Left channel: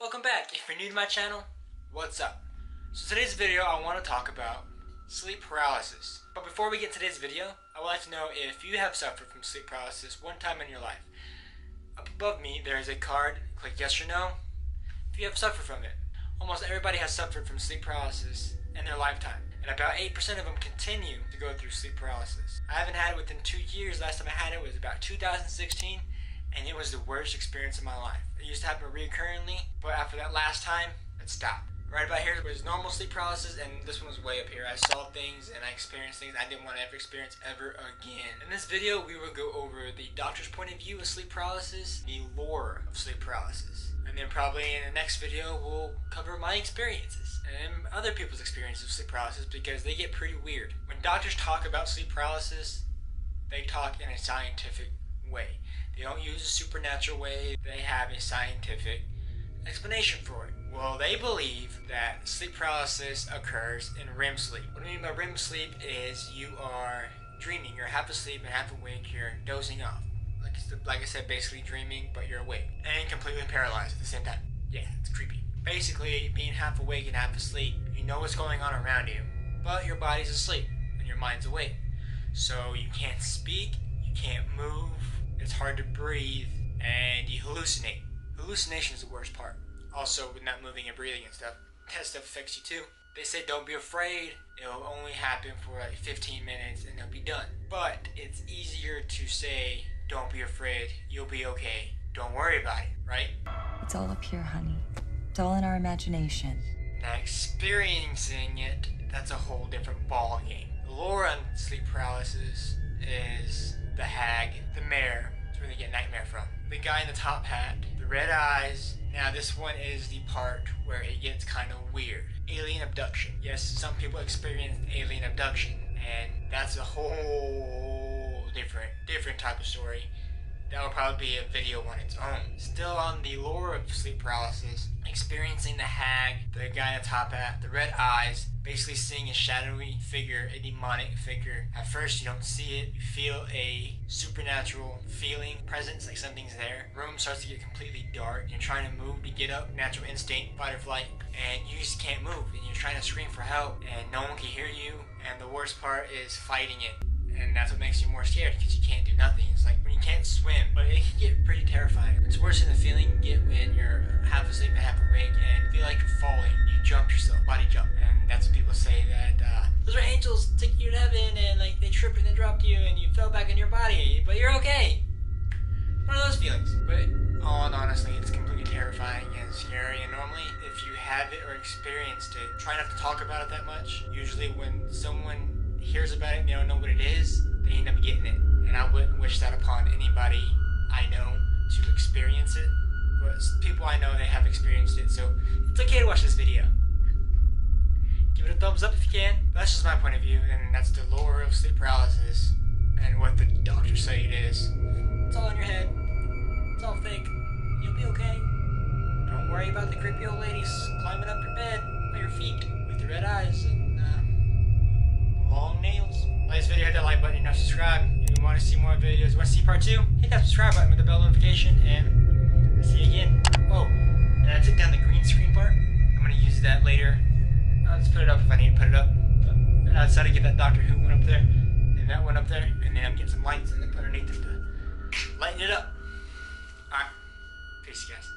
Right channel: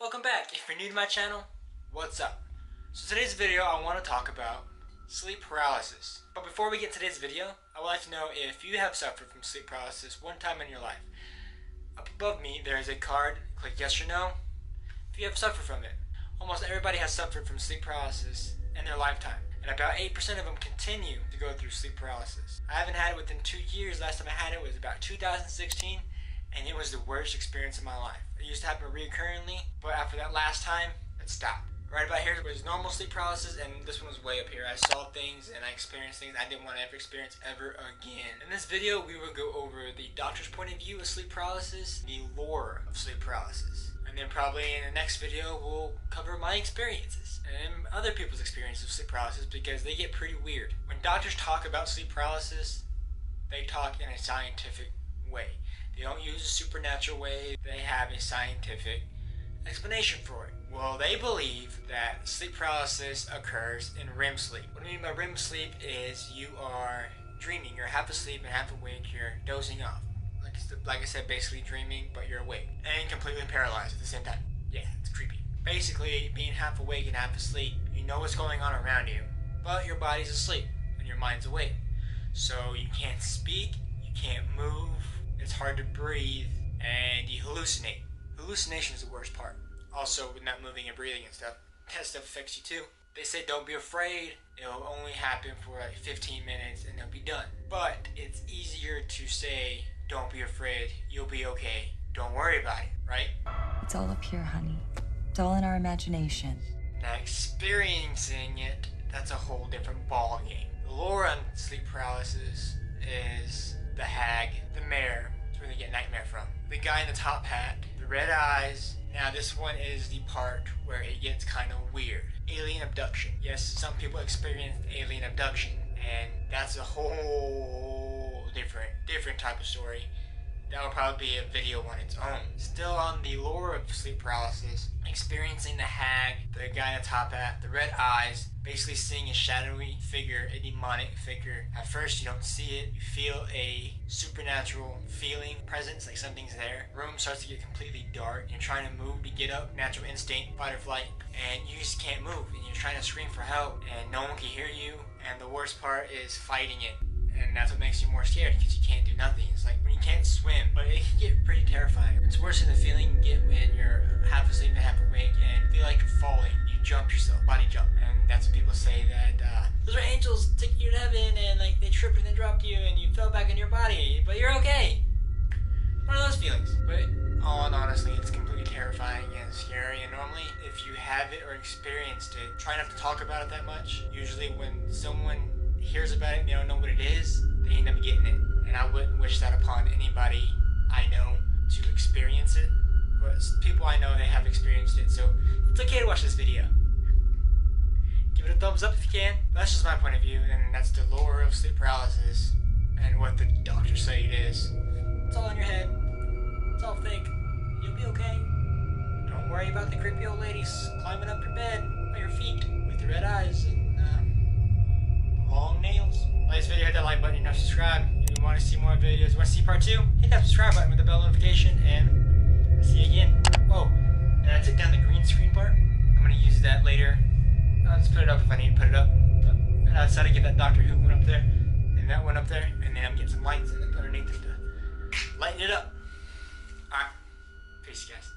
Welcome back. If you're new to my channel, what's up? So today's video I want to talk about sleep paralysis. But before we get to today's video, I would like to know if you have suffered from sleep paralysis one time in your life. Up above me there is a card. Click yes or no if you have suffered from it. Almost everybody has suffered from sleep paralysis in their lifetime, and about 8% of them continue to go through sleep paralysis. I haven't had it within 2 years. Last time I had it was about 2016, and it was the worst experience of my life. It used to happen recurrently, but after that last time, it stopped. Right about here was normal sleep paralysis, and this one was way up here. I saw things and I experienced things I didn't want to ever experience ever again. In this video, we will go over the doctor's point of view of sleep paralysis, the lore of sleep paralysis, and then probably in the next video, we'll cover my experiences and other people's experiences of sleep paralysis, because they get pretty weird. When doctors talk about sleep paralysis, they talk in a scientific way. They don't use a supernatural way. They have a scientific explanation for it. Well, they believe that sleep paralysis occurs in REM sleep. What I mean by REM sleep is you are dreaming. You're half asleep and half awake. You're dozing off. Like I said, basically dreaming, but you're awake and completely paralyzed at the same time. Yeah, it's creepy. Basically, being half awake and half asleep, you know what's going on around you, but your body's asleep and your mind's awake. So you can't speak, you can't move, it's hard to breathe, and you hallucinate. Hallucination is the worst part. Also, with not moving and breathing and stuff, that stuff affects you too. They say don't be afraid, it'll only happen for like 15 minutes and it'll be done. But it's easier to say, don't be afraid, you'll be okay, don't worry about it, right? It's all up here, honey. It's all in our imagination. Now experiencing it, that's a whole different ball game. The lore on sleep paralysis is the hag, the mare. That's where they get nightmare from. The guy in the top hat, the red eyes. Now this one is the part where it gets kind of weird. Alien abduction. Yes, some people experience alien abduction, and that's a whole different type of story. That will probably be a video on its own. Still on the lore of sleep paralysis, experiencing the hag, the guy in the top hat, the red eyes, basically seeing a shadowy figure, a demonic figure. At first you don't see it, you feel a supernatural feeling, presence, like something's there. The room starts to get completely dark, you're trying to move to get up, natural instinct, fight or flight, and you just can't move, and you're trying to scream for help, and no one can hear you, and the worst part is fighting it. And that's what makes you more scared, because you can't do nothing. It's like when you can't swim, but it can get pretty terrifying. It's worse than the feeling you get when you're half asleep and half awake and feel like you're falling. You jump yourself, body jump. And that's when people say that those are angels taking you to heaven, and like they tripped and they dropped you and you fell back in your body, but you're okay. One of those feelings. But all in honestly, it's completely terrifying and scary, and normally if you have it or experienced it, try not to talk about it that much. Usually when someone hears about it and they don't know what it is, they end up getting it. And I wouldn't wish that upon anybody I know to experience it, but people I know, they have experienced it, so it's okay to watch this video. Give it a thumbs up if you can. That's just my point of view, and that's the lore of sleep paralysis and what the doctors say it is. It's all in your head. It's all fake. You'll be okay. Don't worry about the creepy old ladies climbing up your bed by your feet with the red eyes and long nails. Like this video, hit that like button, and subscribe. If you want to see more videos, want to see part 2, hit that subscribe button with the bell notification, and I'll see you again. Oh, and I took down the green screen part. I'm going to use that later. I'll just put it up if I need to put it up. And I decided to get that Doctor Who one up there, and that one up there, and then I'm getting some lights and then put underneath them to lighten it up. Alright, peace guys.